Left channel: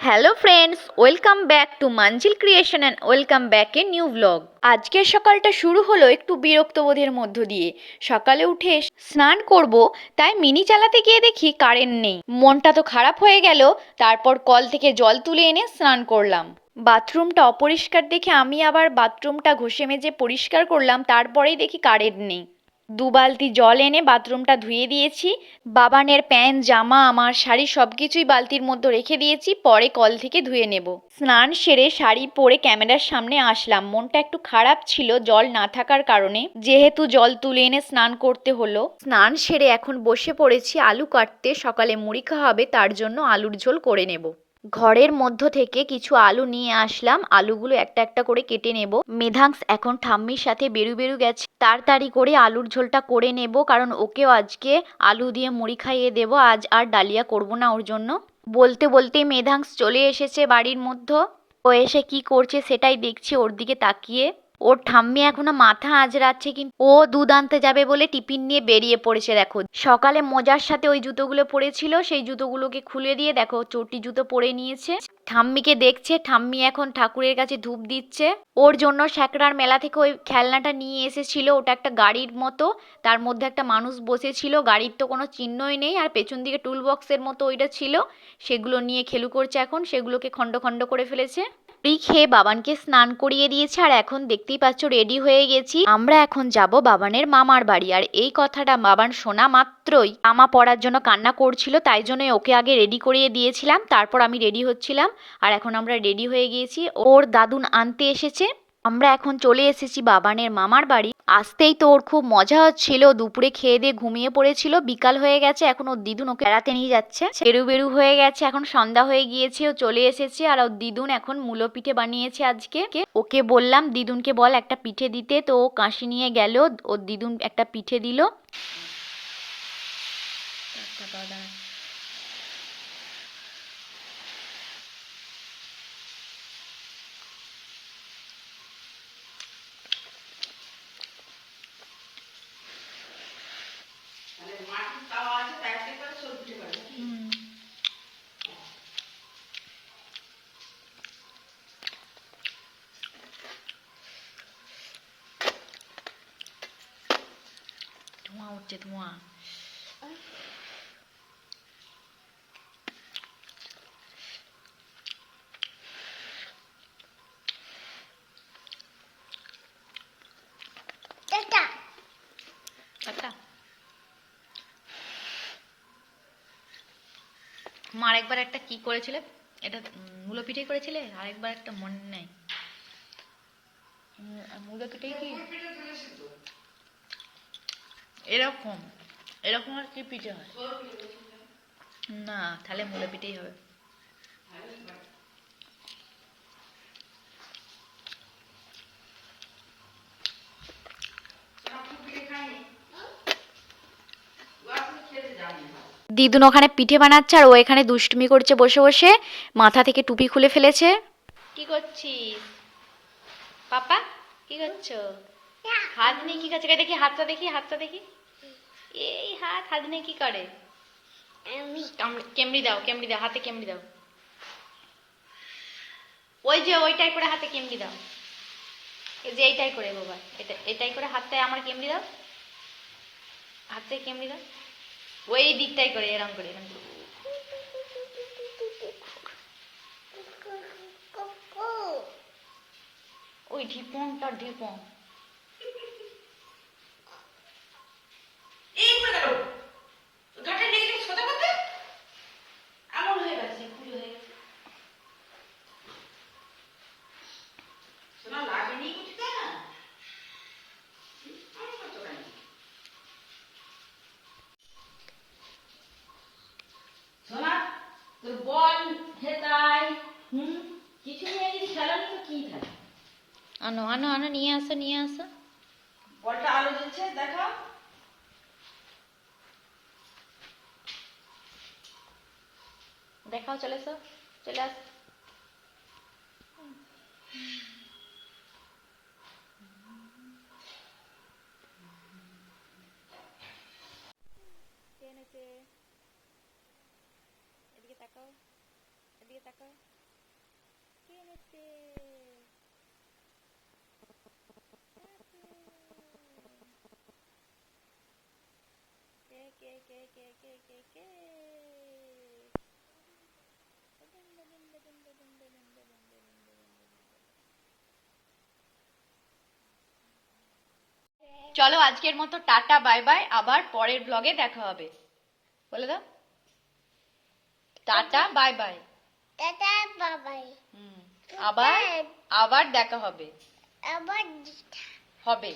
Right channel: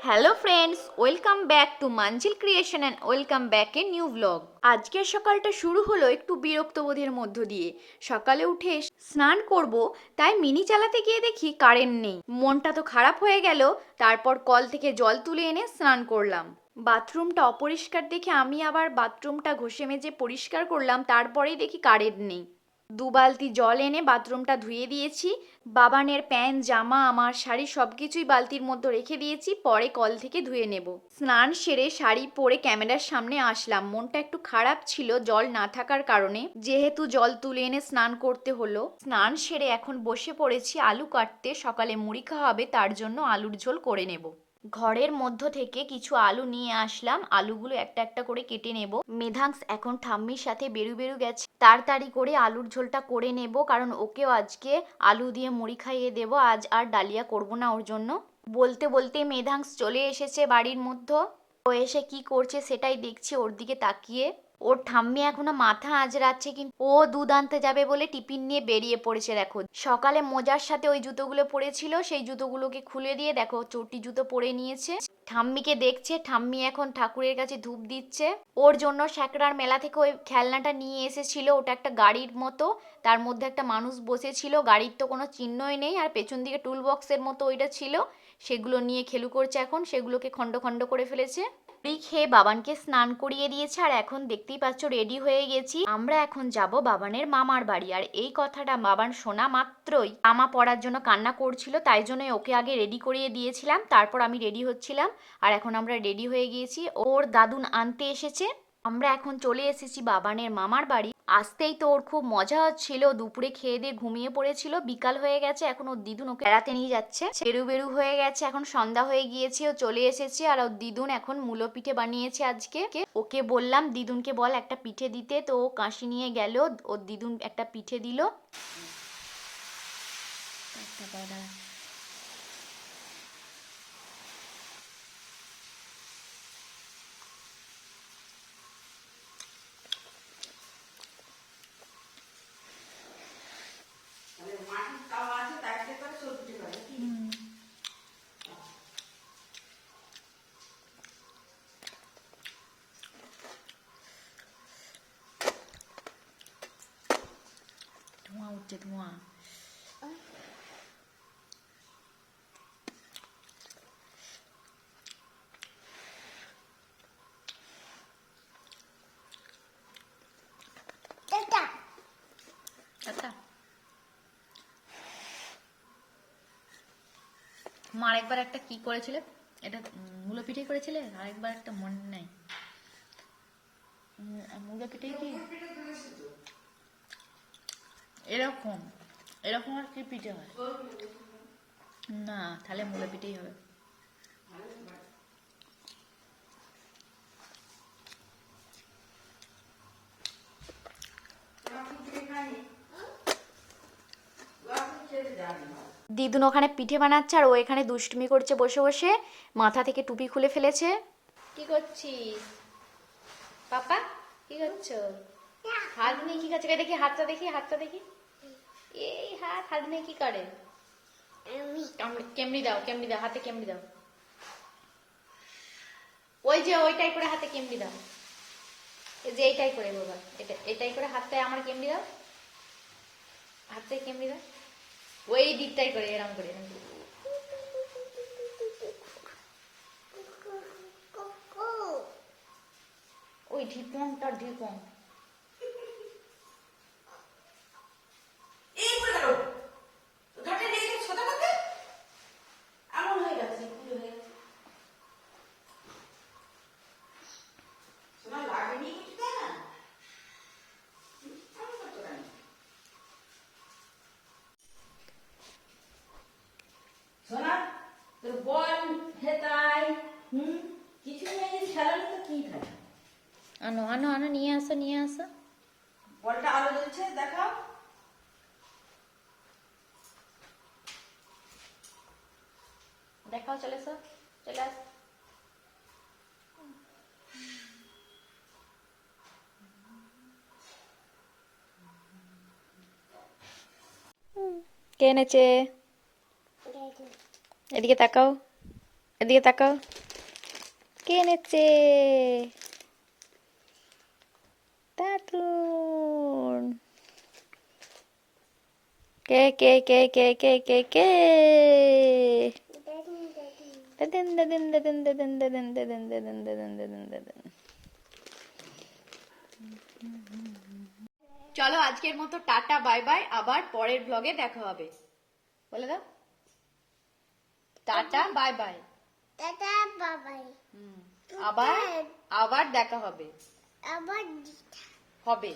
Hello friends welcome back to Manjil creation and welcome back a new blog আজকের সকালটা শুরু হলো একটু বিরক্তবোধের মধ্য দিয়ে। সকালে উঠে স্নান করব, তাই মিনি চালাতে গিয়ে দেখি কারেন্ট নেই। মনটা তো খারাপ হয়ে গেল, তারপর কল থেকে জল তুলে এনে স্নান করলাম। বাথরুমটা অপরিষ্কার দেখে আমি আবার বাথরুমটা ঘষে মেজে পরিষ্কার করলাম, তারপরেই দেখি কারেন্ট নেই। দু বালতি জল এনে বাথরুমটা ধুয়ে দিয়েছি, বাবানের প্যান্ট, জামা, আমার শাড়ি সব কিছুই বালতির মধ্যে রেখে দিয়েছি, পরে কল থেকে ধুয়ে নেব। স্নান সেরে শাড়ি পরে ক্যামেরার সামনে আসলাম, মনটা একটু খারাপ ছিল জল না থাকার কারণে, যেহেতু জল তুলে এনে স্নান করতে হলো। স্নান সেরে এখন বসে পড়েছি আলু কাটতে, সকালে মুড়ি খাওয়া হবে, তার জন্য আলুর ঝোল করে নেব। ঘরের মধ্য থেকে কিছু আলু নিয়ে আসলাম। আলুগুলো একটা একটা করে কেটে নেব। মেধাংস এখন ঠাম্মির সাথে বেরু বেরু গেছে। তাড়াতাড়ি করে আলুর ঝোলটা করে নেব, কারণ ওকেও আজকে আলু দিয়ে মুড়ি খাইয়ে দেব। আজ আর ডালিয়া করব না ওর জন্য। বলতে বলতে মেধাংস চলে এসেছে বাড়ির মধ্যে। ও এসে কি করছে সেটাই দেখছি ওর দিকে তাকিয়ে। ওর ঠাম্মি এখনও মাথা আজরাচ্ছে কিন্তু ও দুধ আনতে যাবে বলে টিফিন নিয়ে বেরিয়ে পড়েছে, দেখো। সকালে মোজার সাথে ওই জুতোগুলো পরেছিল সেই জুতোগুলোকে খুলে দিয়ে, দেখো, চটি জুতো পরে নিয়েছে। ঠাম্মিকে দেখছে, ঠাম্মি এখন ঠাকুরের কাছে ধূপ দিচ্ছে। ওর জন্য স্যাকরার মেলা থেকে ওই খেলনাটা নিয়ে এসেছিল, ওটা একটা গাড়ির মতো। তার মধ্যে একটা মানুষ বসেছিল, গাড়ির তো কোনো চিহ্নই নেই, আর পেছন দিকে টুল বক্সের মতো ওইটা ছিল। সেগুলো নিয়ে খেলু করছে এখন, সেগুলোকে খণ্ড খণ্ড করে ফেলেছে। মুড়ি খেয়ে বাবানকে স্নান করিয়ে দিয়েছে, আর এখন দেখতেই পাচ্ছ রেডি হয়ে গেছি। আমরা এখন যাব বাবানের মামার বাড়ি, আর এই কথাটা বাবান শোনা মাত্রই। জামা পরার জন্য কান্না করছিল, তাই জন্য ওকে আগে রেডি করিয়ে দিয়েছিলাম, তারপর আমি রেডি হচ্ছিলাম, আর এখন আমরা রেডি হয়ে গিয়েছি। ওর দাদুন আনতে এসেছে। আমরা এখন চলে এসেছি বাবানের মামার বাড়ি। আসতেই তো ওর খুব মজা হচ্ছিল, দুপুরে খেয়ে দিয়ে ঘুমিয়ে পড়েছিল, বিকাল হয়ে গেছে, এখন ওর দিদুন ওকে বেড়াতে নিয়ে যাচ্ছে। বেরু বেরু হয়ে গেছে, এখন সন্ধ্যা হয়ে গিয়েছে, ও চলে এসেছে আর ওর দিদুন এখন মূলো পিঠে বানিয়েছে আজকে। ওকে বললাম, দিদুনকে বল একটা পিঠে দিতে। তো ও কাশি নিয়ে গেল, ওর দিদুন একটা পিঠে দিল। ধোঁয়া উঠছে ধোঁয়া আচ্ছা মার একবার একটা কি করেছিলে? এটা মূলো পিঠে করেছিলে? আর একবার একটা মনে নাই। মূলো পিঠে কি? এরকম এরকম আর কি পিঠে হয়? না তাহলে মূলো পিঠেই হবে। দিদুন ওখানে পিঠে বানাচ্ছে আর ও এখানে দুষ্টুমি করছে বসে বসে মাথা থেকে টুপি খুলে ফেলেছে। কি করছিস? পাপা কি করছ? হাত নিয়ে কি করছে? দেখি হাতটা দেখি হাতটা দেখি। এই হাত হাত নিয়ে কি করে? কামড়ে- দাও কেমড়ি দাও হাতে কেমড়ি দাও। ওই যে ওইটাই করে হাতে কেমড়ি দাও। এই যে এইটাই করে বাবা এটা এটাই করে হাতটায় আমার কেমড়ি দাও। হাতে কেমড়ি দাও। ওই দিকটাই করে এরম করে এরম করে। ওই ঢিপনটা ঢিপন এই করে গেল ঘাটে লেগে গেছে সোজা করতে এমন হয়ে গেছে খুলে হয়ে গেছে সোনা লাগেনি কিছু তাই না হুম, আমার করছ কেন? সোনা তোর বল হেতাই হুম কিছু নিয়ে যদি খেলা নিয়ে তো কি থাকে আনো আনো আনো নিয়ে আসো নিয়ে আসো। বলটা আলো জ্বলছে দেখাও। দেখাও চলে এসো চলে আস। কে এনেছে? এদিকে তাকাও এদিকে তাকাও। কে নেচ্ছে দারুণ কে কে কে কে কে কে কে দাদিন দাদিন দাদিন দাদিন দাদিন দাদিন দাদিন দাদিন দাদিন দাদিন চলো আজকের মতো টাটা বাই বাই। আবার পরের ব্লগে দেখা হবে। বলে দাও। Tata bye bye. টাটা বাবাই হুম, আবার আবার দেখা হবে। হবে।